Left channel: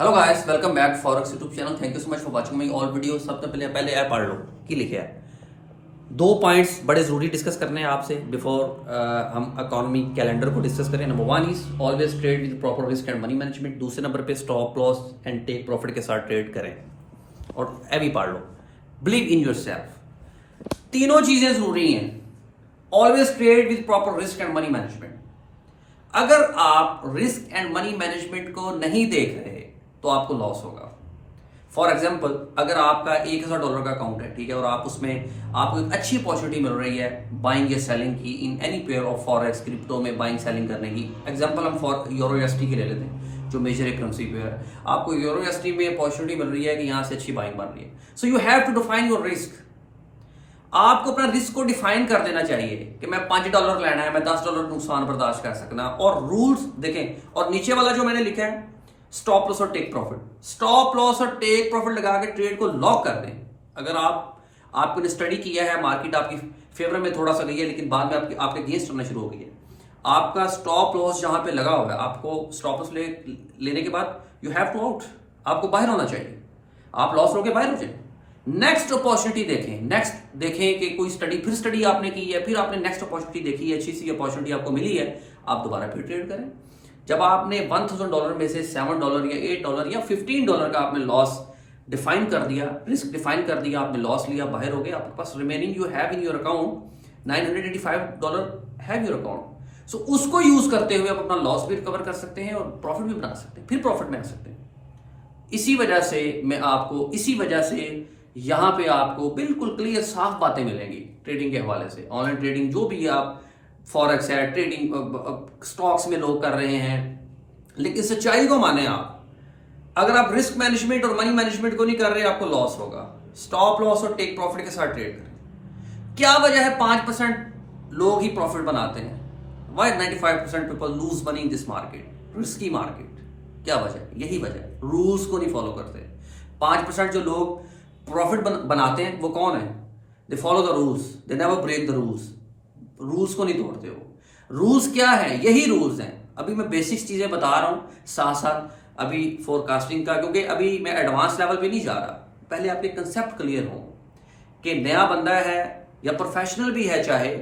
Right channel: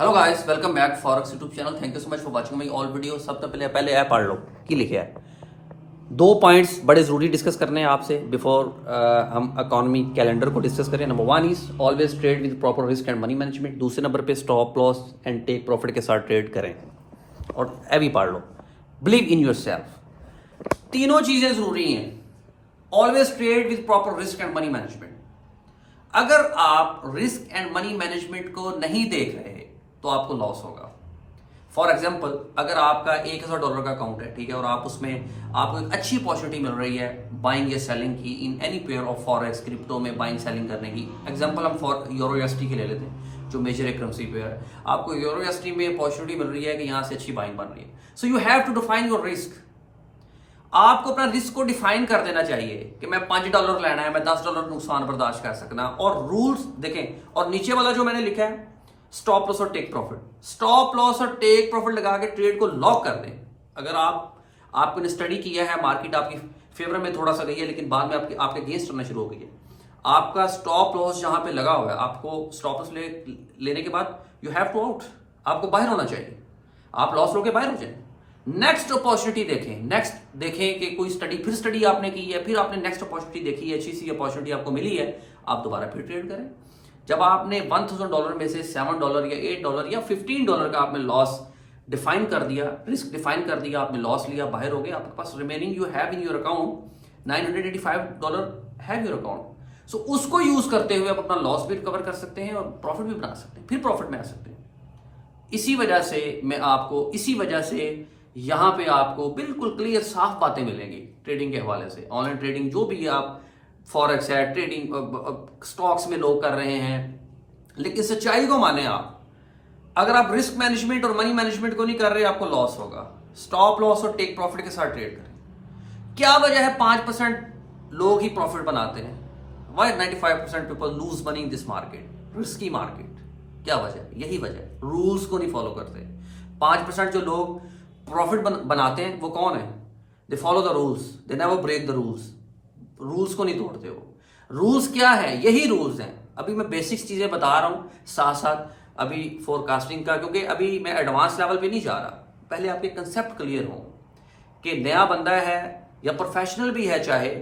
Hello guys, welcome back forex YouTube channel. Thank you so much for watching my all video. सबसे पहले app पढ़ लो की लिखे है। दो पॉइंट्स बड़े जरूरी डिस्कस करने हैं आपसे बिफोर हम इकोनॉमी कैलेंडर को डिस्कस करें। Number one is always trade with proper risk and money management. दूसरे नंबर पे stop loss and take profit के साथ ट्रेड करें। और अभी पढ़ लो, बिलीव इन योरसेल्फ। तीनों चीजें जरूरी हैं। Always trade with proper risk and money management. अगर आप रिस्क एंड मनी मैनेजमेंट को नहीं देख रहे तो आपको लॉस होगा। फॉर एग्जाम्पल, अगर आपका $1000 का अकाउंट है, ठीक है, और आप उसमें आपको एक अच्छी अपॉर्चुनिटी मिल रही है बाइंग या सेलिंग की in any pair of forex crypto में बाइंग सेलिंग करने की। एग्जाम्पल हम फॉर यूरो यूएसडी के ले लेते हैं जो मेजर करेंसी पेयर है। आपको यूरो यूएसडी में अपॉर्चुनिटी मिल रही है कि यहां से अच्छी बाइंग बन रही है। So you have to define your risk. आपको अपना रिस्क को डिफाइन कर देना चाहिए कि मैं $5 लेना है, मैं $10 नुकसान बर्दाश्त कर सकना। और रूल्स देखें, और नीचे वाला जो मैंने लिखा है स्टॉप लॉस और टेक प्रॉफिट। स्टॉप लॉस और टेक प्रॉफिट लगा के ट्रेड को लॉक कर दें। अगर आपने स्टडी किया है, मार्केट आपकी फेवर में थोड़ा सा गई है लेकिन बाद में आपके अगेंस्ट होना शुरू हो गई है, आपका स्टॉप लॉस जहां पे लगा हुआ है, आपको स्टॉप लॉस लेने के बाद यू हैव टू आउट। आपको बाहर होना चाहिए। आप लॉस लोगे, बाहर हो जाए। नेक्स्ट अपॉर्चुनिटी देखें। नेक्स्ट देखें कि कोई स्टडी आपने की है, फिर आपने नेक्स्ट अपॉर्चुनिटी देखी है, अच्छी सी अपॉर्चुनिटी आपको मिली है, आप दोबारा फिर ट्रेड करें। जब आपने $1000 में से $7 या $8 या $15 का आपने लॉस डिफाइन कर दिया, रिस्क डिफाइन कर दिया, आपने लॉस लिया, बाहर हो गए, आपके पास remaining you have in your account $985 have your account. So उसको यूज करते हुए आप अपना लॉस भी रिकवर कर सकते हैं और प्रॉफिट भी बना सकते हैं, फिर प्रॉफिट में आ सकते हैं। इसी वजह से यहां पे आपको बिल्कुल क्लियर साफ बातें मिलेंगी ट्रेडिंग के हवाले से। ऑनलाइन ट्रेडिंग जो भी आप फॉरेक्स है, ट्रेडिंग स्टॉक्स में लोग कर रहे हैं, लेकिन सच्चाई को माने आप। अगर आप रिस्क मैनेजमेंट और मनी मैनेजमेंट को नहीं कर रहे, आपको लॉस होगा। स्टॉप लॉस और टेक प्रॉफिट के साथ ट्रेड करें। क्या वजह है 5% लोग ही प्रॉफिट बनाते हैं? Why 95% people lose money in this market, risky market? क्या वजह? यही वजह, रूल्स को नहीं फॉलो करते। 5% जो लोग प्रॉफिट बनाते हैं वो कौन है? They follow the rules, they never break the rules. Rules को नहीं तोड़ते हो। रूल्स क्या है? यही रूल्स हैं। अभी मैं बेसिक्स चीजें बता रहा हूं साथ साथ अभी फोरकास्टिंग का, क्योंकि अभी मैं एडवांस लेवल पे नहीं जा रहा। पहले आपके कंसेप्ट क्लियर हो कि नया बंदा है या प्रोफेशनल भी है, चाहे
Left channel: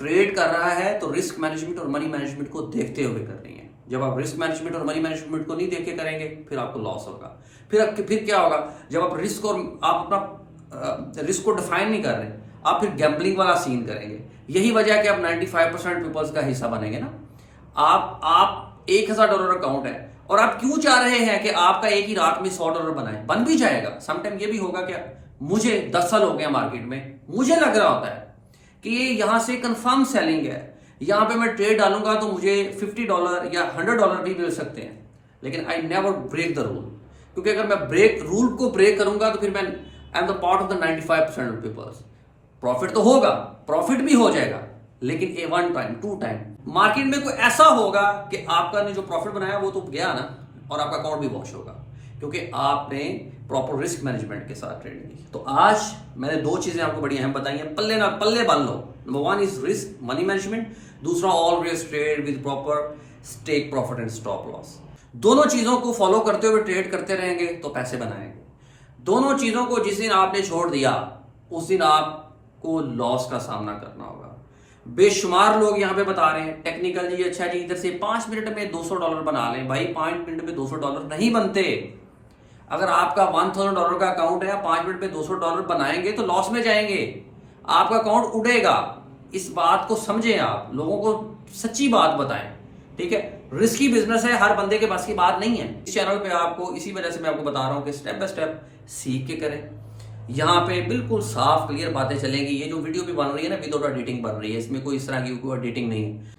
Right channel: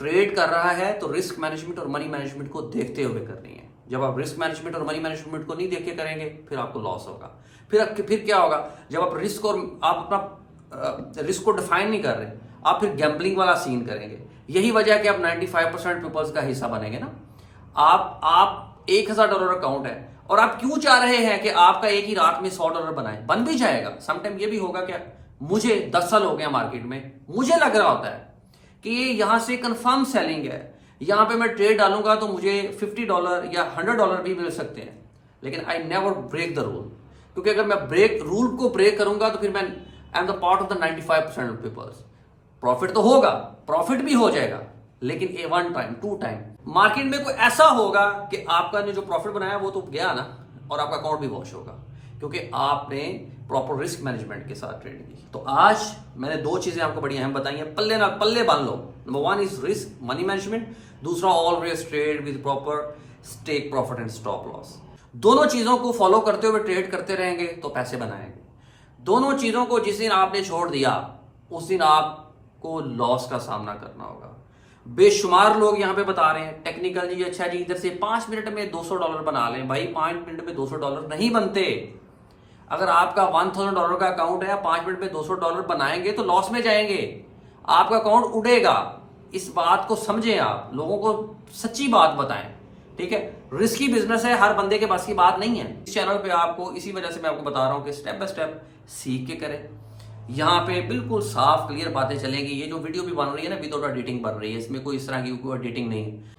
ट्रेड कर रहा है तो रिस्क मैनेजमेंट और मनी मैनेजमेंट को देखते हुए करनी है। जब आप रिस्क मैनेजमेंट और मनी मैनेजमेंट को नहीं देख के करेंगे फिर आपको लॉस होगा। फिर क्या होगा? जब आप रिस्क और आप अपना रिस्क को डिफाइन नहीं कर रहे, आप फिर गैम्बलिंग वाला सीन करेंगे। यही वजह है कि आप 95% पीपल्स का हिस्सा बनेंगे ना। आप $1000 अकाउंट है और आप क्यों चाह रहे हैं कि आपका एक ही रात में $100 बनाए? बन भी जाएगा। समटाइम ये भी होगा कि मुझे 10 साल हो गए मार्केट में, मुझे लग रहा होता है कि यहां से कंफर्म सेलिंग है, यहां पे मैं ट्रेड डालूंगा तो मुझे $50 या $100 भी मिल सकते हैं, लेकिन I never break the rule. क्योंकि अगर मैं रूल को ब्रेक करूंगा तो फिर मैं I am the part of the 95% of peoples. Profit तो होगा, प्रॉफिट भी हो जाएगा, लेकिन ए 1 टाइम 2 टाइम। मार्केट में कोई ऐसा होगा कि आपका ने जो प्रॉफिट बनाया वो तो गया ना, और आपका अकाउंट भी वॉश होगा, क्योंकि आपने प्रॉपर रिस्क मैनेजमेंट के साथ ट्रेडिंग की। तो आज मैंने 2 चीजें आपको बड़ी अहम बताई हैं, पल्ले बांध लो। Number 1 is risk money management, दूसरा always trade with proper take profit and stop loss. दोनों चीजों को फॉलो करते हुए ट्रेड करते रहेंगे तो पैसे बनाएंगे। दोनों चीजों को जिस दिन आपने छोड़ दिया उस दिन आपको लॉस का सामना करना होगा। बेशुमार लोग यहां पे बता रहे हैं टेक्निकल जी, अच्छा जी इधर से 5 मिनट में $200 बना लें। भाई 5 मिनट में $200 नहीं बनते। अगर आपका $1000 का अकाउंट है, 5 मिनट में $200 बनाएंगे तो लॉस में जाएंगे, आपका अकाउंट उड़ेगा। इस बात को समझें, आप लोगों को सच्ची बात बताएं, ठीक है। रिस्की बिजनेस है, हर बंदे के पास की बात नहीं है। इस चैनल पे आपको इसी वजह से मैं आपको बता रहा हूं कि स्टेप बाय स्टेप सीख के करें। यहां पे बिल्कुल साफ क्लियर बातें चलेंगी। ये जो वीडियो भी बन रही है ना, विदाउट एडिटिंग बन रही है, इसमें कोई इस तरह की कोई एडिटिंग नहीं है।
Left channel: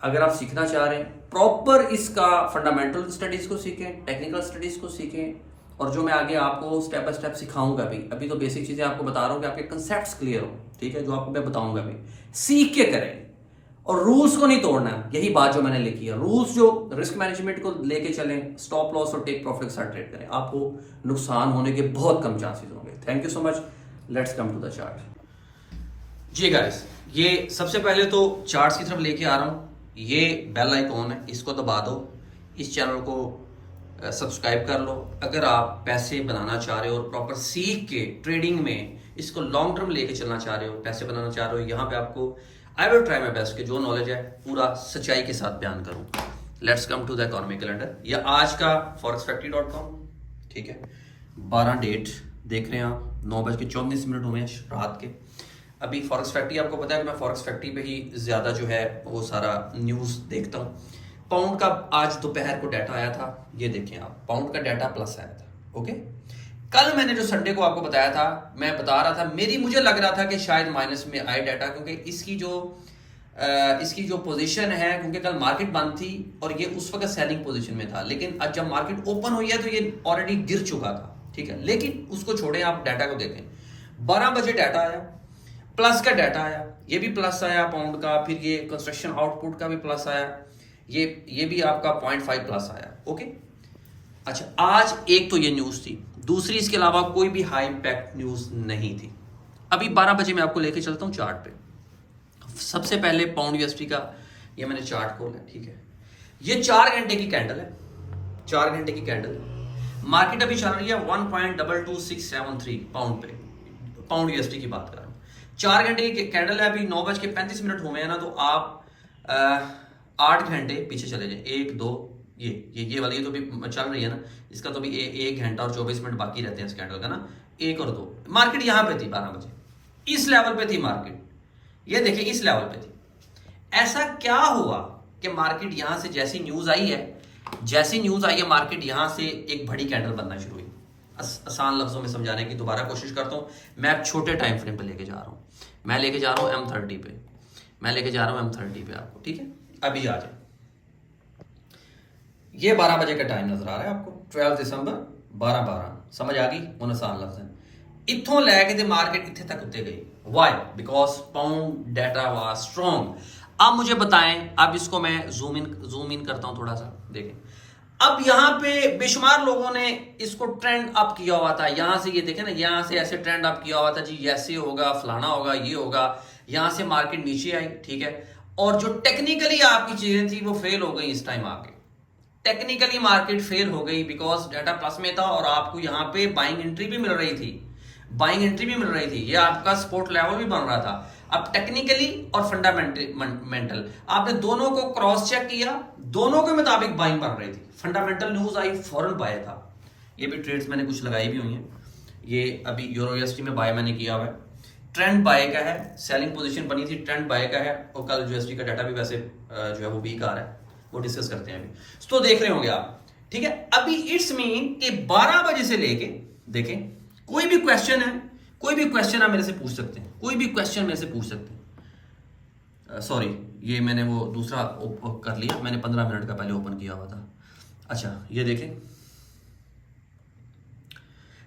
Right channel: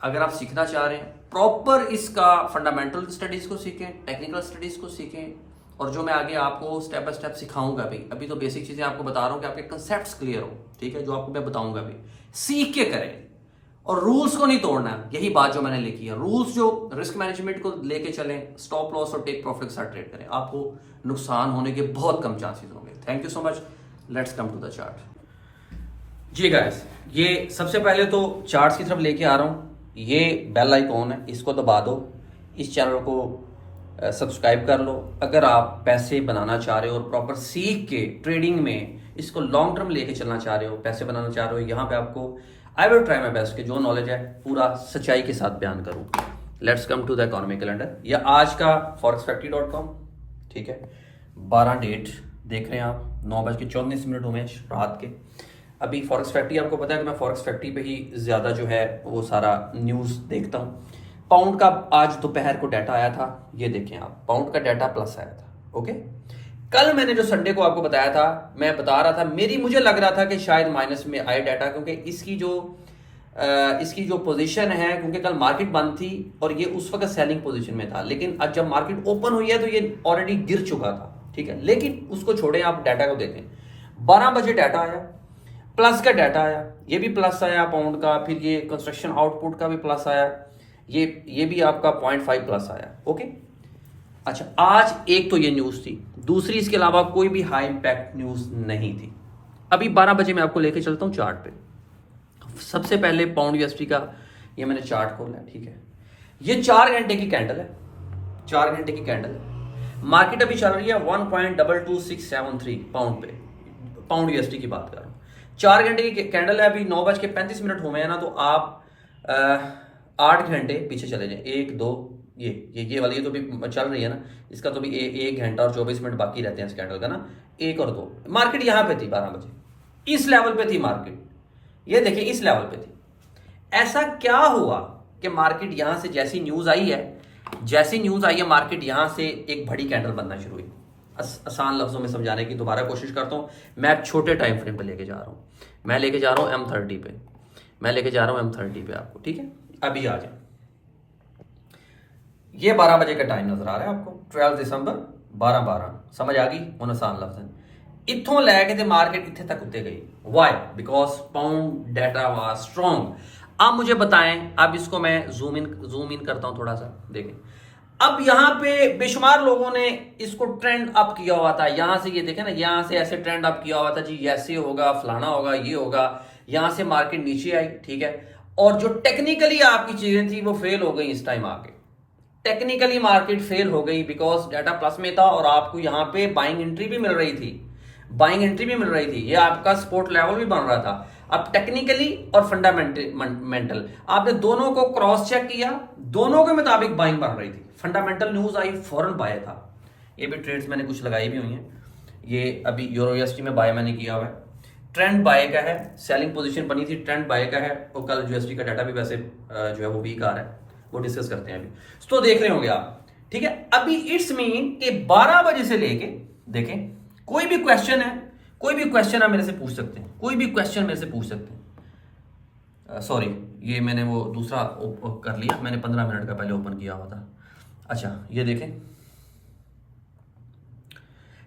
अगर आप सीखना चाह रहे हैं प्रॉपर इसका फंडामेंटल स्टडीज को सीखें, टेक्निकल स्टडीज को सीखें, और जो मैं आगे आपको स्टेप बाय स्टेप सिखाऊंगा अभी तो बेसिक चीजें आपको बता रहा हूं कि आपके कंसेप्ट क्लियर हो, ठीक है। जो आपको मैं बताऊंगा अभी, सीख के करें और रूल्स को नहीं तोड़ना। यही बात जो मैंने लिखी है, रूल्स जो रिस्क मैनेजमेंट को लेके चलें, स्टॉप लॉस और टेक प्रॉफिट के साथ ट्रेड करें, आपको नुकसान होने के बहुत कम चांसेस होंगे। Thank you so much. Let's come to the chart. जी गाइस, ये सबसे पहले तो चार्ट्स की तरफ लेके आ रहा हूं। ये बेल आइकॉन है, इसको दबा दो। इस चैनल को सब्सक्राइब कर लो। अगर आप पैसे बनाना चाह रहे हो और प्रॉपर सीख के ट्रेडिंग में इसको लॉन्ग टर्म लेके चलना चाह रहे हो, पैसे बनाना चाह रहे हो, यहाँ पे आपको I will try my best कि जो नॉलेज है पूरा सच्चाई के साथ बयान करूँ। Let's come to the economic calendar या आज का forexfactory.com। ठीक है, 12 डेट देख रहे हैं आप, 9:24 हुए रात के। अभी फॉरेक्स फैक्ट्री, आपको पता है कि मैं फॉरेक्स फैक्ट्री पे ही ज़्यादा जो है वो सारा न्यूज़ देखता हूँ। पाउंड का आज दोपहर को डाटा आया था, ये देखें आप, पाउंड का डाटा प्लस आया था। ओके, कल मैंने जो संडे को आपको बताया था, मैं बता रहा था मुझे लग रहा था कि शायद माइनस में आए डाटा, क्योंकि इसकी जो पोजीशन है, क्योंकि कल मार्केट बंद थी और ये उस वक्त सेलिंग पोजीशन में था, लेकिन आज जब मार्केट ओपन हुई है तो ये ऑलरेडी गिर चुका था। ठीक है, लेकिन उसको छोड़ें, आप डाटा को देखें। 12 बजे डाटा आया, प्लस का डाटा आया, ये भी प्लस आया पाउंड का, फिर ये कंस्ट्रक्शन आउटपुट का भी प्लस आया, ये भी आपका 0.5 प्लस आया। ओके, अच्छा, आज एक तो ये न्यूज़ थी, दूसरी इसके अलावा कोई भी हाई इंपैक्ट न्यूज़ नहीं थी। अभी 12 बजे मैं आपको लेके चलता हूँ चार्ट पे। सबसे पहले पाउंड यूएसडी का ये मैंने चार्ट खोला है। ठीक है, ये 4 घंटे की कैंडल है, 4 घंटे की कैंडल है। मार्केट अभी चल रही है 1.22673 पाउंड पे, पाउंड यूएसडी की बात कर रहा हूँ। 4 घंटे की कैंडल है, अभी 9:35 हुए हैं ना, तो आप 8 घंटे पीछे चले जाएं। 1 2 ये वाली तो भी चल रही है ना, इसका तो भी 1 घंटा और 24 मिनट बाकी रहते हैं इस कैंडल का ना, 1 और 2। मार्केट यहाँ पे थी 12 बजे, इस लेवल पे थी मार्केट, ये देखिए इस लेवल पे थी। ऐसा क्या हुआ कि मार्केट यहां से जैसी न्यूज आई है, मार्केट यहां से एक बड़ी कैंडल बनना शुरू हुई। आसान लफ्जों में समझाने की दोबारा कोशिश करता हूं। मैं छोटे टाइम फ्रेम पे लेके जा रहा हूं, मैं लेके जा रहा हूं M30 पे, M30 पे आपको। ठीक है, अभी आ जाए, ये 12 बजे का टाइम नजर आ रहा है आपको, 12 दिसंबर 12:12, समझ आ गई उन आसान लफ्ज। इत्थों लैके ते मार्केट इत्थे तक उत्ते गई। Why? Because pound data was strong. अब मुझे बताएं, अब इसको मैं जूम इन करता हूं थोड़ा सा, देखें। अब यहां पे बेशुमार लोगों ने इसको ट्रेंड अप किया हुआ था, यहां से ये देखें ना, यहां से ऐसे ट्रेंड अप किया हुआ था जी, ऐसे होगा, फलाना होगा, ये होगा। यहां से मार्केट नीचे आई। ठीक है, और जो टेक्निकली आपकी चीजें थी वो फेल हो गई इस टाइम आके। टेक्निकली मार्केट फेल हो गई बिकॉज डाटा प्लस में था और आपको यहां पे बाइंग एंट्री भी मिल रही थी, ये आपका सपोर्ट लेवल भी बन रहा था। अब टेक्निकली और फंडामेंटल आपने दोनों को क्रॉस चेक किया, दोनों के मुताबिक बाइंग बन रही थी। फंडामेंटल न्यूज आई, फौरन बाय था। ये भी ट्रेड्स मैंने कुछ लगाई भी हुई हैं। ये अभी यूरो यूएसडी में बाय मैंने किया हुआ है, ट्रेंड बाय का है, सेलिंग पोजीशन बनी थी, ट्रेंड बाय का है। और कल यूएसडी का डाटा भी वैसे जो है वो वीक आ रहा है, वो डिस्कस करते हैं अभी, तो देख रहे होंगे आप। ठीक है, अभी इट्स मीन कि 12 बजे से लेके देखें, कोई भी क्वेश्चन आप मेरे से पूछ सकते हैं, कोई भी क्वेश्चन मेरे से पूछ सकते हैं। सॉरी, ये मैंने वो दूसरा कर लिया, मैंने 15 मिनट का पहले ओपन किया हुआ था। अच्छा, ये देखें,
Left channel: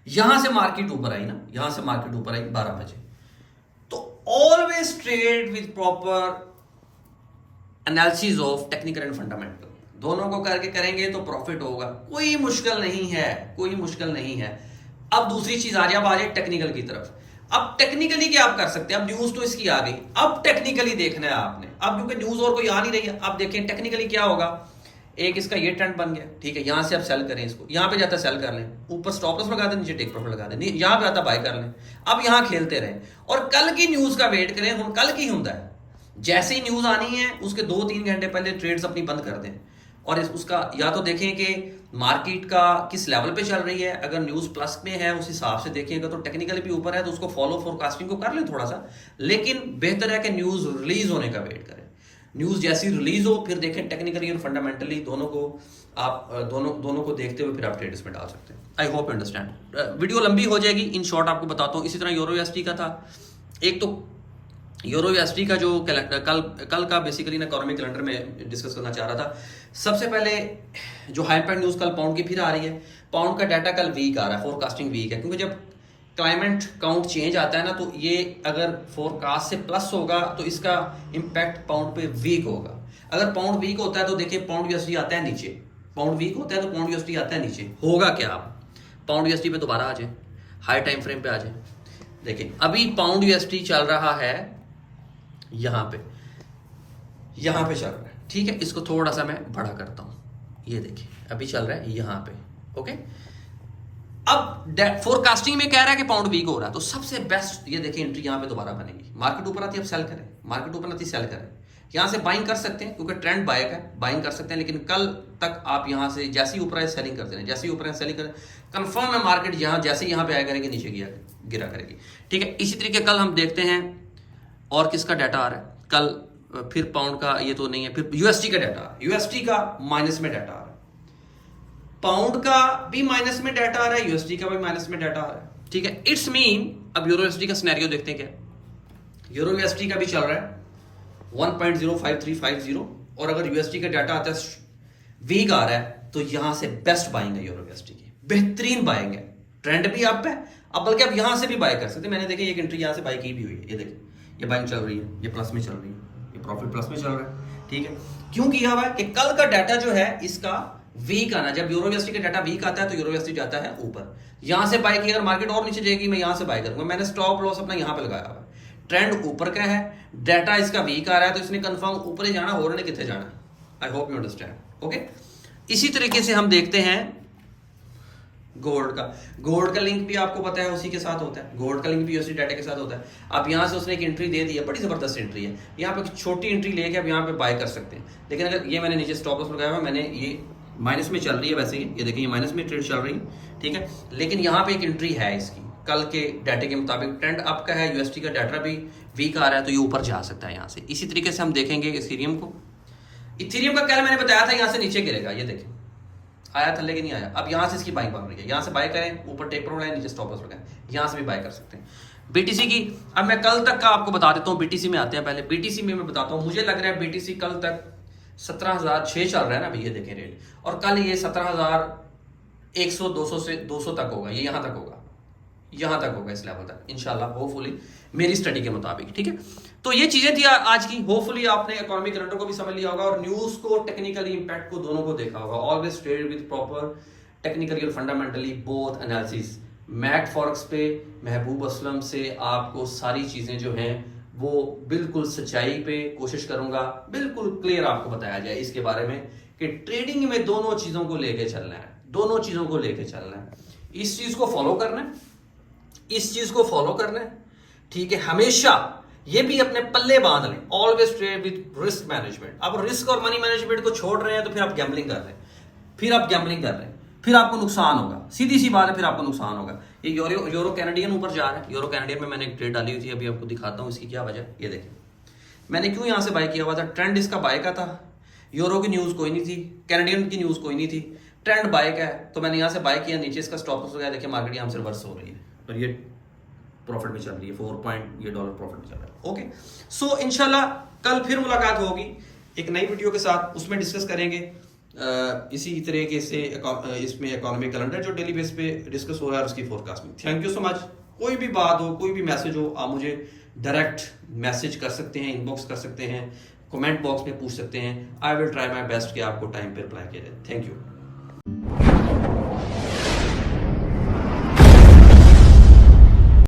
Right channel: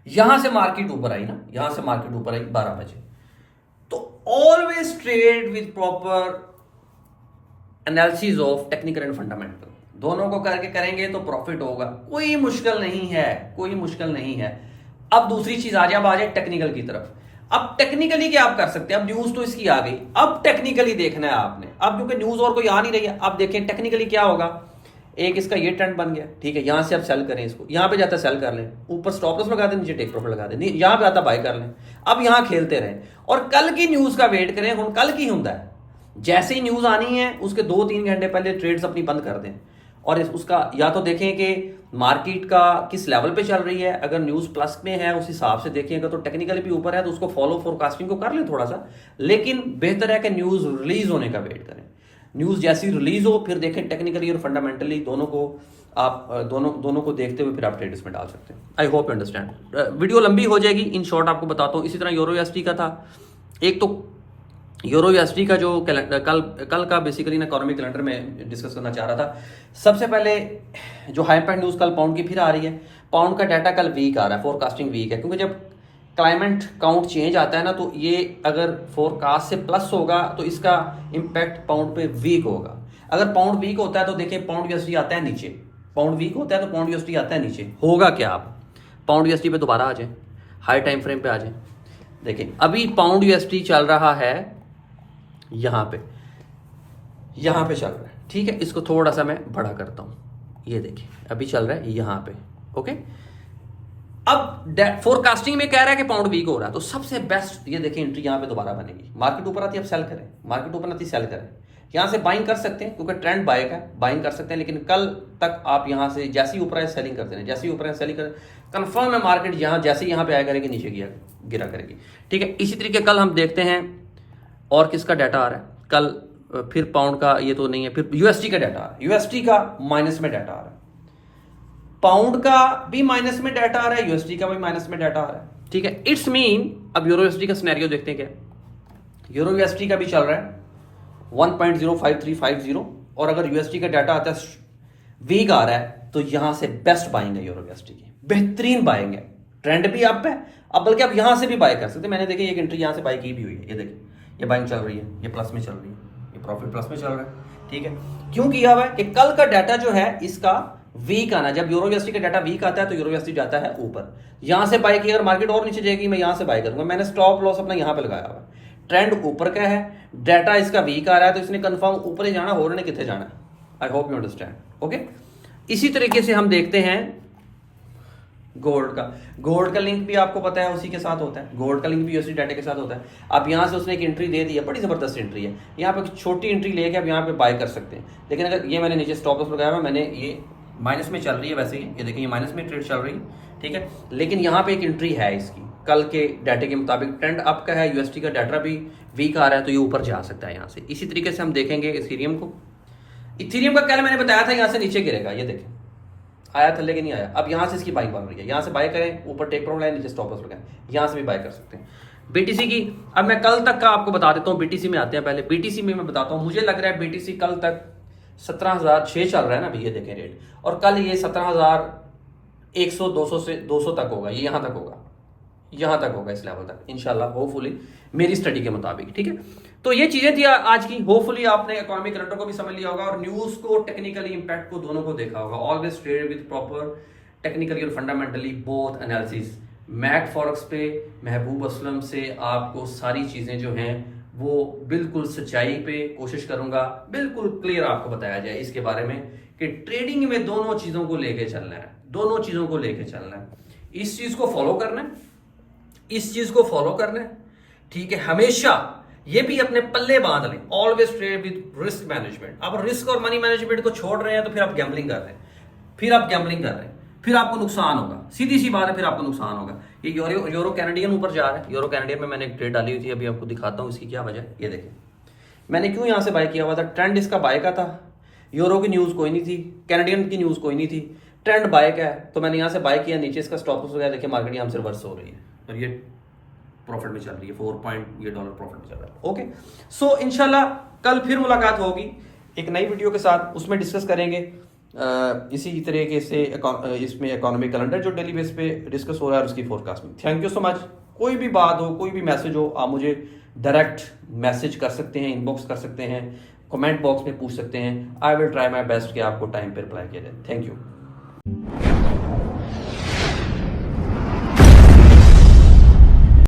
यहां से मार्केट ऊपर आई ना, यहां से मार्केट ऊपर आई 12 बजे। तो always trade with proper analysis of technical and fundamental, दोनों को करके करेंगे तो प्रॉफिट होगा। कोई मुश्किल नहीं है। अब दूसरी चीज आ जाए टेक्निकल की तरफ। अब टेक्निकली क्या आप कर सकते हैं? अब न्यूज तो इसकी आ गई, अब टेक्निकली देखना है आपने। अब क्योंकि न्यूज और कोई आ नहीं रही है, अब देखें टेक्निकली क्या होगा। एक इसका ये ट्रेंड बन गया, ठीक है, यहां से आप सेल करें इसको, यहां पे जाता सेल कर लें, ऊपर स्टॉप लॉस लगा दें, नीचे टेक प्रॉफिट लगा दें, यहां पे आता बाय कर लें। अब यहां खेलते रहें और कल की न्यूज का वेट करें। हम कल की होता है, जैसे ही न्यूज आनी है उसके 2-3 घंटे पहले ट्रेड्स अपनी बंद कर दें और उसका या तो देखें कि मार्केट का किस लेवल पे चल रही है। अगर न्यूज प्लस में है उस हिसाब से देखिएगा, तो टेक्निकली भी ऊपर है तो उसको फॉलो फोरकास्टिंग को कर लें थोड़ा सा। लेकिन बेहतर है कि न्यूज रिलीज होने का वेट करें। न्यूज जैसी रिलीज हो फिर देखें टेक्निकली और फंडामेंटली दोनों को आप दोनों को देखते हुए फिर आप ट्रेड्स में डाल सकते हैं। I hope you understand. Video लंबी हो जाएगी, इन शॉर्ट आपको बताता हूँ। इसी तरह यूरो यूएसडी का था, एक तो यूरो यूएसडी का जो कल का बेसिकली ना इकोनॉमिक कैलेंडर में डिस्कस करना चाह रहा था। सबसे पहले जो हाई इम्पैक्ट न्यूज़ कल पाउंड की फिर आ रही है। पाउंड का डाटा कल वीक आ रहा है, फोरकास्टिंग वीक है, क्योंकि जब क्लाइमेट काउंट चेंज आता है ना, तो ये अगर फोरकास्ट से प्लस होगा तो इसका इम्पैक्ट पाउंड पे वीक होगा। अगर पाउंड वीक होता है तो देखिए पाउंड यूएसडी आता है नीचे, पाउंड वीक होता है तो पाउंड यूएसडी आता है नीचे। होगा क्या, आप पाउंड यूएसडी पे दोबारा आ जाए, हाई टाइम फ्रेम पे आ जाए। देखिए अभी पाउंड यूएसडी चल रहा है यहां पे चल रहा है, ठीक है। इसको थोड़ा सा मैं बड़ा करता हूं, ये देखिए अभी चल रहा है यहाँ पे, ओके। अब फोरकास्टिंग में कह रहा है कि पाउंड वीक हो रहा है, तो सबसे बेस्ट ये देखिए एंट्री यहाँ पे दोबारा बनेगी। मार्केट ऊपर आती है, अब सेल करें, मार्केट ऊपर आती है सेल करें। यहाँ से बाइंग कर सकते हैं क्योंकि ट्रेंड बाइक है, बाइंग कर सकते हैं, लेकिन कल तक आप यहाँ से जैसे ही ऊपर है सेलिंग करते हैं, जैसे ही ऊपर है सेलिंग करें। कंफर्म है मार्केट यहाँ जैसे ही यहाँ पे आया करेगी नीचे गिरा करेगी, ठीक है। इसी तरीके कल हम देखते हैं और किसका डाटा आ रहा है कल, फिर पाउंड का ये तो नहीं है, फिर यूएसडी का डाटा आ रहा है, यूएसडी का माइनस में डाटा आ रहा है, पाउंड का भी माइनस में डाटा आ रहा है, यूएसडी का भी माइनस में डाटा आ रहा है, ठीक है। इट्स मीन अब यूरो यूएसडी का सिनेरियो देखते हैं क्या। यूरो यूएसडी का भी चल रहा है 1.05350, और अगर यूएसडी का डाटा आता है वीक आ रहा है तो यहां से बेस्ट बाइंग है यूरो यूएसडी की, बेहतरीन बाइंग है। ट्रेंड भी अप है, अब बल्कि आप यहां से भी बाय कर सकते हैं। मैंने देखिए एक एंट्री यहां से बाय की भी हुई है, ये देखिए ये बाइंग चल रही है, ये प्लस में चल रही है, ये प्रॉफिट प्लस में चल रहा है, ठीक है। क्यों किया हुआ है कि कल का डाटा जो है इसका वीक आना, जब यूरो यूएसडी का डाटा वीक आता है तो यूरो यूएसडी जाता है ऊपर। यहां से बाय किया, अगर मार्केट और नीचे जाएगी मैं यहां से बाय करूंगा। मैंने स्टॉप लॉस अपना यहां पे लगाया हुआ है, ट्रेंड ऊपर का है, डाटा इसका वीक आ रहा है तो इसने कंफर्म ऊपर ही जाना, और ने कितने जाना है। I hope you understand, okay. इसी तरीके से हम देखते हैं गोल्ड का। गोल्ड का लिंक भी आपको पता है उसी के साथ होता है, गोल्ड का लिंक भी यूएसडी डाटा के साथ होता है। अब यहां से उसने एक एंट्री दे दी है, बड़ी जबरदस्त एंट्री है, यहाँ पे छोटी एंट्री लेके आप यहाँ पे बाय कर सकते हैं। लेकिन अगर ये मैंने नीचे स्टॉप लॉस लगाया हुआ, मैंने ये माइनस में चल रही है वैसे ही, ये देखिए ये माइनस में ट्रेड चल रही है, ठीक है। लेकिन यहाँ पे एक एंट्री है इसकी, कल के डाटे के मुताबिक ट्रेंड अप का है, यूएसडी का डाटा भी वीक आ रहा है तो ये ऊपर जा सकता है यहाँ से। इसी तरीके से हम देखेंगे इथेरियम को। इथेरियम का कल मैंने बताया था यहाँ से नीचे गिरेगा, ये देखें आया था लेकिन नहीं आया। अब यहाँ से इसकी बाइंग बन रही है, यहाँ से बाय करें, ऊपर टेक प्रॉब्लम लाइन, नीचे स्टॉप लॉस लगाएं, यहाँ से भी बाय कर सकते हैं। बीटीसी की अब मैं कल तक का आपको बता देता हूँ, बीटीसी में आते हैं पहले। बीटीसी में मैं बताता हूँ, मुझे लग रहा है बीटीसी कल तक 17,006 चल रहा है ना अभी, ये देखें रेट, और कल ये 17,100 200 से 200 तक होगा, ये यहाँ तक होगा, यहाँ तक होगा, इस लेवल तक इंशाल्लाह, होपफुली मेरी स्टडी के मुताबिक, ठीक है। तो ये चीजें थी आज की, होपफुली आपने इकोनॉमिक कैलेंडर को भी समझ लिया होगा और न्यूज को, टेक्निकली इंपैक्ट को, दोनों को देखा होगा। Always trade with proper technically और fundamentally both analysis. Mac forex पे महबूब असलम से आपको सारी चीजें जो हैं वो बिल्कुल सच्चाई पे कोशिश करूंगा, बिल्कुल क्लियर आपको बताया जाए इसके बारे में कि ट्रेडिंग में दोनों चीजों को लेके चलना है, दोनों चीजों को लेके चलना है। इस चीज को फॉलो करना है, इस चीज को फॉलो करना है, ठीक है। हमेशा ये भी अपने पल्ले बांध लें, always trade with risk management. अब रिस्क और मनी मैनेजमेंट को छोड़ रहे हैं तो फिर आप गैम्बलिंग कर रहे हैं, फिर आप गैम्बलिंग कर रहे हैं, फिर आपको नुकसान होगा, सीधी सी बात है, फिर आपको नुकसान होगा। ये यूरो कैनेडियन ऊपर जा रहा है, यूरो कैनेडियन में मैंने एक ट्रेड डाली हुई थी, अभी आपको दिखाता हूं इसकी क्या वजह। ये देखें मैंने क्यों यहां से बाय किया हुआ था, ट्रेंड इसका बाय का था, यूरो की न्यूज कोई नहीं थी, कैनेडियन की न्यूज कोई नहीं थी, ट्रेंड बाय का है तो मैंने यहां से बाय किया, नीचे इसका स्टॉप लॉस लगाया, देखिए मार्केट यहां से रिवर्स हो रही है और ये प्रॉफिट में चल रही है, $4 प्रॉफिट में चल रहा है, ओके। सो इंशाल्लाह कल फिर मुलाकात होगी एक नई वीडियो के साथ, उसमें डिस्कस करेंगे इसी तरीके से इसमें इकोनॉमिक कैलेंडर जो डेली बेस पे डिस्कस हो रहा है और उसकी forecasting. Thank you so much. कोई भी बात हो, कोई भी मैसेज हो, आप मुझे डायरेक्ट मैसेज कर सकते हैं, इनबॉक्स कर सकते हैं, कमेंट बॉक्स में पूछ सकते हैं। I will try my best कि आपको टाइम पे रिप्लाई किया जाए। Thank you.